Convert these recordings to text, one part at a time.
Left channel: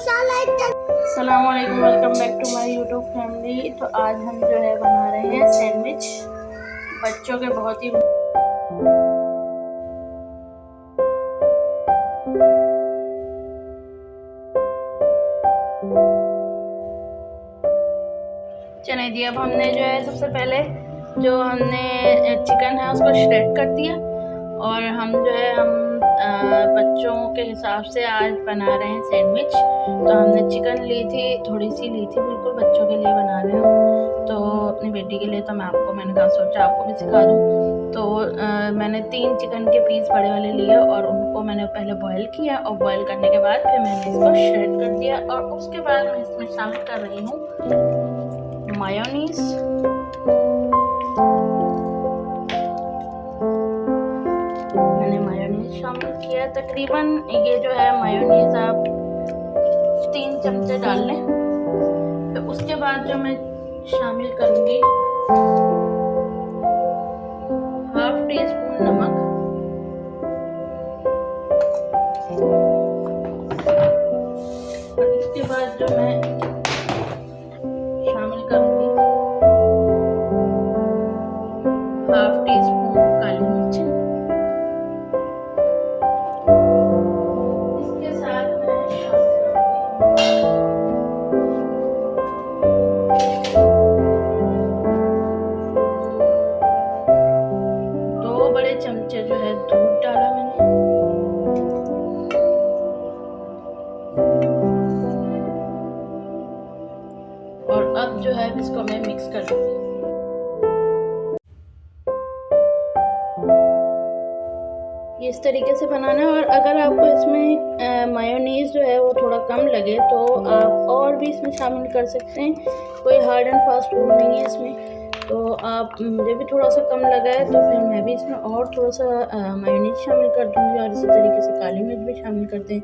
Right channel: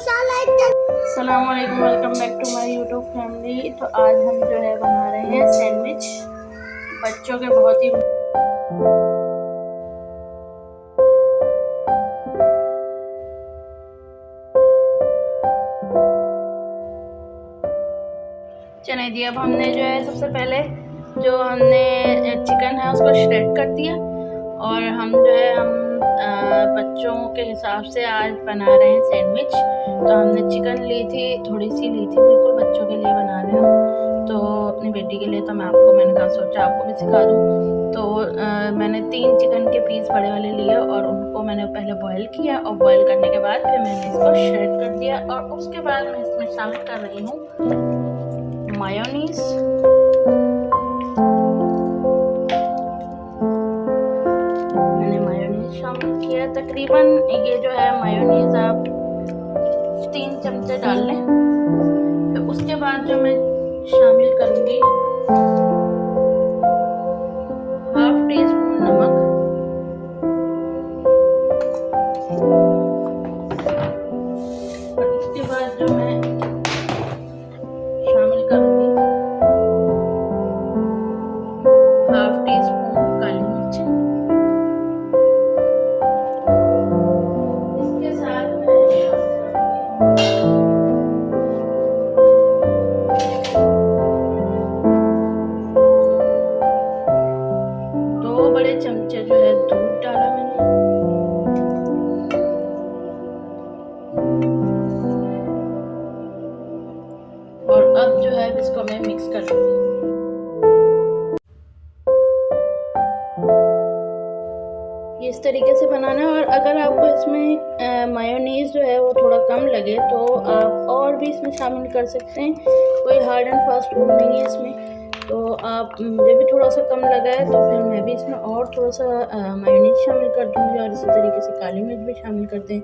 अस्सलाम वालेकुम, welcome back to my YouTube family. तो आज हम जो है बना रहे हैं सैंडविच। बच्चों के बहुत ही चने दिए। अब हमने जो है सबसे पहले जो हमने चिकन है उसको श्रेड कर दिया और हम जो है बच्चों के हिसाब से आज बना रहे हैं सैंडविच। तो हमने चिकन ली थी, थोड़ी सी ली थी, बिल्कुल बच्चों के लिए बना रहे हैं। तो अपनी बेटी के लिए तो मैंने कहा सोचा आपको भी सिखा दूँ। तो मैंने 3 चिकन के पीस बड़े वाले लिए और उनको मैंने पहले बॉईल किया और बॉईल करने के बाद फिर मैंने इसको श्रेड कर दिया और उसके बाद मैं इसमें शामिल कर रही हूँ मायोनीज़। शामिल किया तकरीबन ये जो है मायोनीज़ आप 3 चमचे डाल लें। फिर उसके बाद जो मैं शामिल करूँगी ½ टीस्पून नमक, और इसके बाद जो मैं शामिल करूँगी ½ टीस्पून काली मिर्च। बड़े चमचे जो है दूध डाला मैंने, और अब जो है इसको मैं मिक्स कर लूँगी। इस तरीके से बनाना है। और अगर आपको इसमें मायोनीज़ जो है वो थोड़ा कम लगे तो आप और भी इसमें शामिल कर सकते हैं। कोई हार्ड एंड फास्ट रूल नहीं है इसमें। तो आप मुझे भी थोड़ा सा कम लगा है तो फिर मैं भी इसमें और थोड़ा सा मायोनीज़ शामिल कर दूँगी और इसी तरीके से काली मिर्च भी शामिल कर दें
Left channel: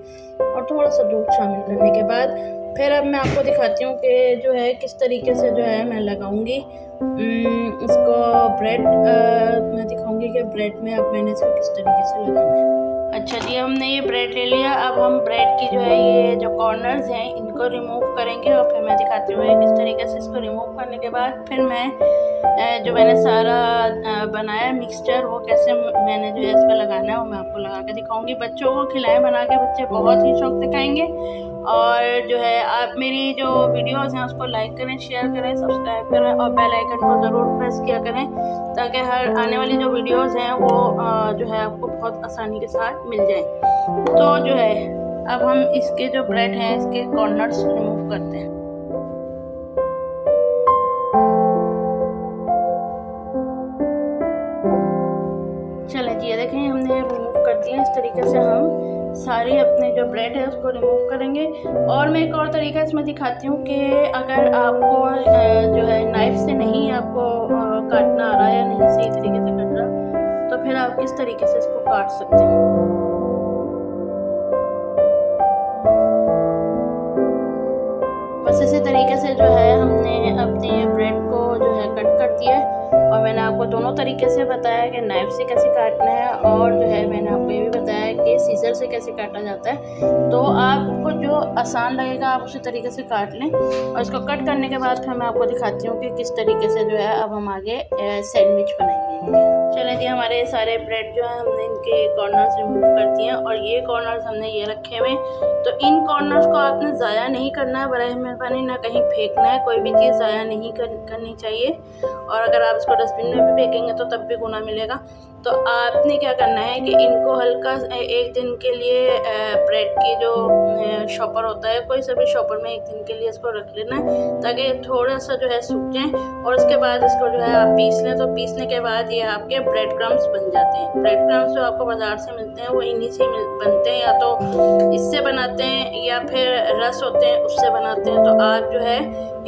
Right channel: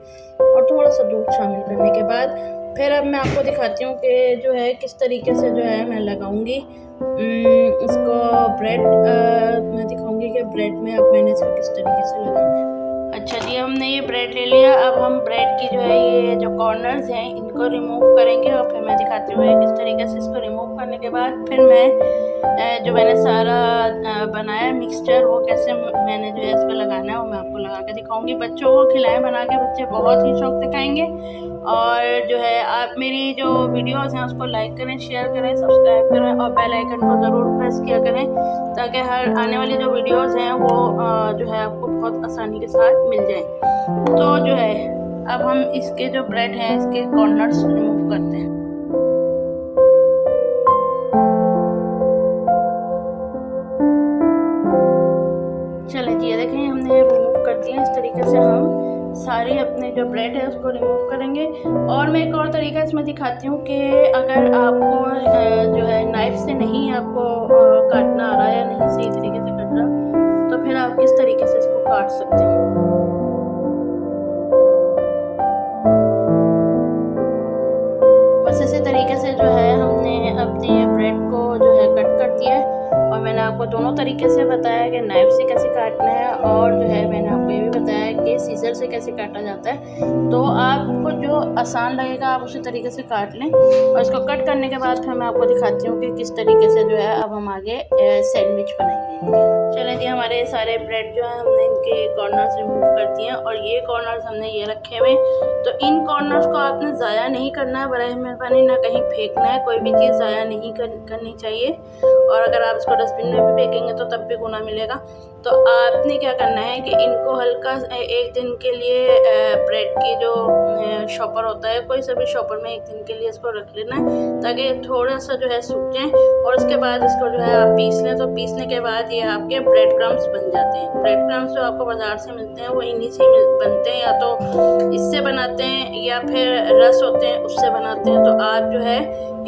और थोड़ा सा दूध शामिल करने के बाद फिर अब मैं आपको दिखाती हूँ कि जो है किस तरीके से जो है मैं लगाऊंगी इसको ब्रेड। मैं दिखाऊंगी कि ब्रेड में अब मैंने इसको किस तरीके से लगाना है। अच्छा जी, हमने ये ब्रेड ले लिया। अब हम ब्रेड की जो है ये जो कॉर्नर्स हैं इनको रिमूव करेंगे और फिर मैं दिखाती हूँ किस तरीके से इसको रिमूव करने के बाद फिर मैं जो मैंने सारा बनाया मिक्सचर वो कैसे मैंने जो है इस पर लगाना है वो मैं आपको लगा के दिखाऊंगी। बच्चों को खिलाएं बना के, बच्चे बहुत ही शौक से खाएंगे। और जो है आप मेरी जो वीडियोस हैं उसको लाइक करें, शेयर करें, सब्सक्राइब करें और बेल आइकन को ज़रूर प्रेस किया करें ताकि हर आने वाली जो वीडियोस हैं वो जो है आपको बहुत आसानी के साथ मिल जाएं। तो जो है अब हम इसके जो ब्रेड हैं इसके कॉर्नर्स रिमूव करते हैं। चलें जी, ये देखें हमने रिमूव कर दिया। इस तरीके से हम सारे अपने जो ब्रेड है उसको रिमूव करेंगे। और मैं एक और तरीका इसमें दिखाती हूँ कि अगर आपको जो है नाइफ से नहीं आपको काटना आ रहा है या नहीं सही तरीके से कट रहा तो फिर आप किस तरीके से इसको काट सकते हैं। बस इसी तरीके से जो है हमने अपने ब्रेड को जो है कट कर दिया है और मैंने आपको दोनों तरीके से बताया कि नाइफ से कैसे काटना है और जो है मैंने आपको ये भी बताया कि सीजर से कैसे काटा जाता है। तो आपको जो आसान लगेगा आप उसी तरीके से काट लें। और इसको कट करने के बाद फिर मैं आपको दिखाती हूँ कि किस तरीके से जो है अब हम आगे सैंडविच बनाएंगे। चलें जी, हमारे सारे ब्रेड जो है हमने इनके कॉर्नर्स रिमूव कर दिए हैं और ये कॉर्नर्स हमने ये रखे हुए। तो इन कॉर्नर्स को आपने ज़ाया नहीं करना है, बराए मेहरबानी ना कहीं फेंकना है। कोई भी चीज़ ज़ाया नहीं करनी चाहिए। और अगर आप इसको डस्टबिन में भी फेंकेंगे तो तब भी गुना मिलेगा। तो आपने क्या करना है कि इनको हल्का एक दिन के लिए ब्रेड की जो शॉपर होता है, कोई सा भी शॉपर में एक दिन के लिए इसको रख लेना है ताकि थोड़ा सा जो है सूख जाए। और उसके बाद इसको जो है आप पीस लें। तो पीसने के बाद ये आपके ब्रेड क्रम्स बन जाते हैं। ब्रेड क्रम्स जो आपको बाज़ार से मिलते हैं वो इन्हीं से बनते हैं, या तो इससे बनाते हैं या फिर रस होते हैं उससे बनाते हैं। तो आप जो है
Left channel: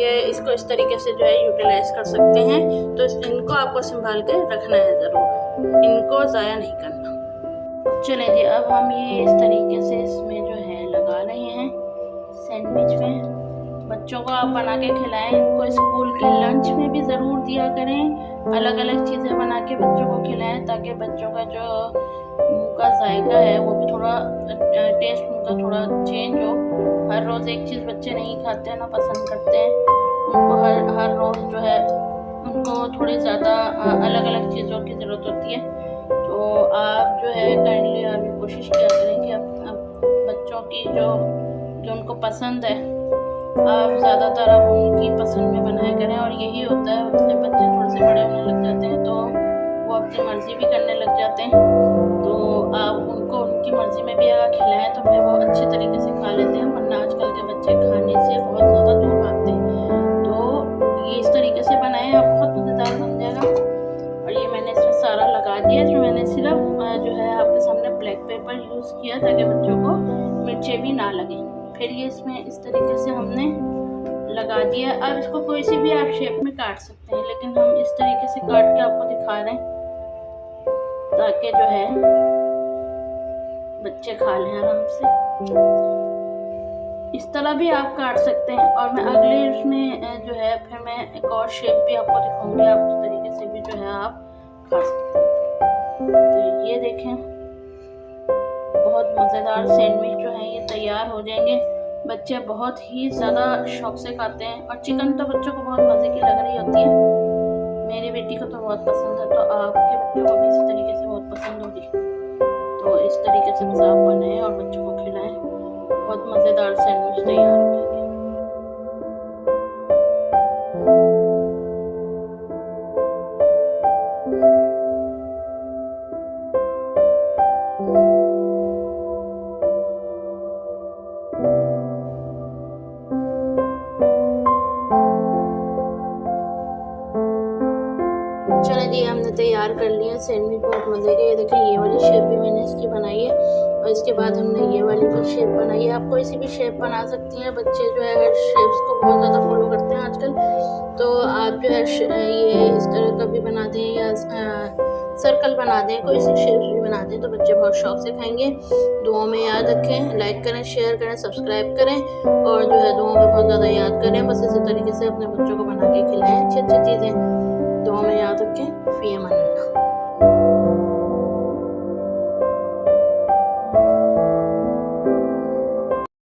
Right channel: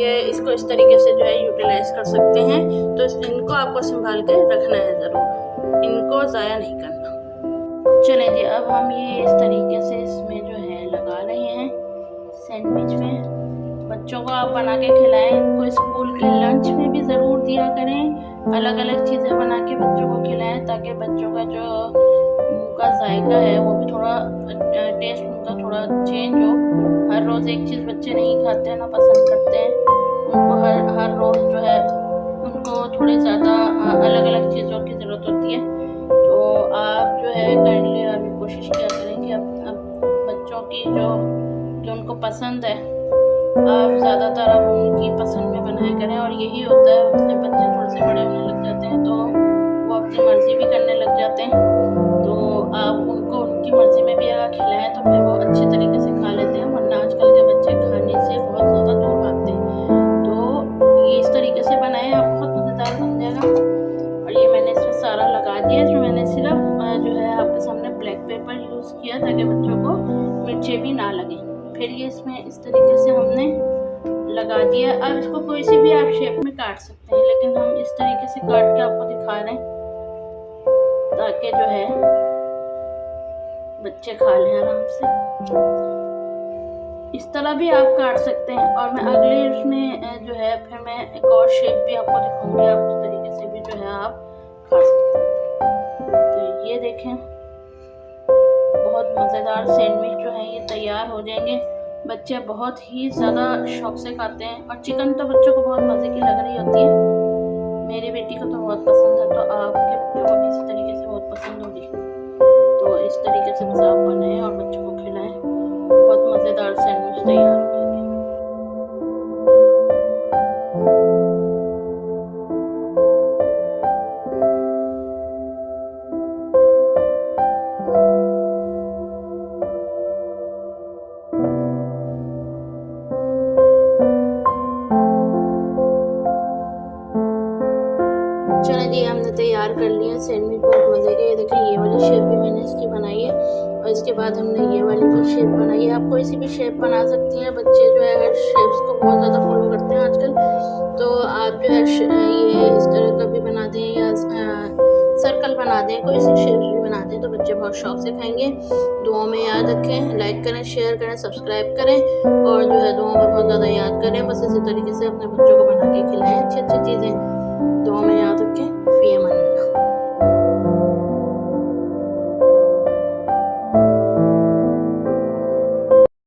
ये इसको इस तरीके से जो है यूटिलाइज़ कर सकते हैं। तो इनको आपको संभाल के रखना है ज़रूर, इनको ज़ाया नहीं करना। चलें जी, अब हम ये इस तरीके से इसमें जो है लगा रहे हैं सैंडविच में। बच्चों को आप बना के खिलाएं, इनको स्कूल के लंच में भी ज़रूर दिया करें। अलग अलग चीज़ें बना के बच्चों को खिलाएं ताकि बच्चों का जो मुँह का जायका है वो भी थोड़ा टेस्ट उनका थोड़ा चेंज हो हर रोज़ एक चीज़ बच्चे नहीं खाते हैं, ना पसंद करते हैं। उनको हर रोज़ जो है उनको थोड़ी ज़्यादा अलग अलग चीज़ों की ज़रूरत होती है। तो आप जो है काइंडली आप ये कोशिश किया करें कि अब बच्चों की जो उनको पसंद है आप ज़्यादातर आप उनकी पसंद में बनाया करें। और यही होता है जब बच्चे थोड़े से बड़े होने लग जाते हैं तो वो अपनी मर्ज़ी भी करने लग जाते हैं। तो आप उनको उनकी मर्ज़ी में भी अगर खिलाएं तो फिर वो अच्छे तरीके से खा लेते हैं, वरना आजकल के बच्चे खाने से बहुत ज़्यादा दूर भागते हैं। तो ये इस तरीके से बनाएं, आप बहुत मज़ेदार बन जाएगा। और ये मैंने इसमें सारा लगा दिया। जो मैंने सिर्फ जो है आपके सामने ब्लैक पेपर यूज़ किया ताकि बच्चों को मिर्चें भी ना लगें। फिर ये इसमें इस तरीके से हमने लगा दिया। अब इसको कोई सी भी आप शेप में काट सकते हैं, लेकिन हम इस तरीके से काट के आपको दिखा रहे हैं ताकि जो है बच्चे खा लें आराम से। इस तरह भी आप काट सकते हैं। और मैं अगले उसमें जो है फिर मैं एक और शेप भी आपको दिखाऊंगी, आप उस तरीके से भी जो है आप खा सकते हैं। तो ये देखें, बहुत मज़ेदार सैंडविच जो है ये तैयार हो जाएंगे। बच्चे बहुत ही ज़्यादा शौक से खाते हैं। और चिकन तो बच्चों को बहुत मज़े की लग रही होती है, मेरी बेटी को तो बहुत पसंद है, तो आपके बच्चों को भी इसी तरीके से बहुत पसंद होगी। तो इस तरीके से बस आप बनाएं और बच्चों को खिलाएं, बहुत मज़ेदार सैंडविच तैयार हो जाएंगे। चलें जी, हमने तैयार कर लिया सैंडविच, बहुत मज़े के। ये देखें, ये वाली शेप भी मैंने इसकी बनाई है और इसके बाद हमने ये वाली भी शेप बनाई है। आप कोई सी भी शेप बना सकती हैं। बच्चे जो है हर शेप्स को बहुत ज़्यादा फॉलो करते हैं आजकल। तो आप जो है ये इस तरह का भी बना दें या सर्कल बना दें, कोई सी शेप्स भी बना दें तो बच्चे बहुत शौक से खाएंगे। दुआओं में याद रखें, लाइक करें, शेयर करें, सब्सक्राइब करें और जो है दुआओं में बहुत ज़्यादा याद करें। बस इसी तरीके से अपने बच्चों को बना के खिलाएं अच्छी अच्छी चीज़ें। दुआ में याद रखें। फ़ी अमान अल्लाह।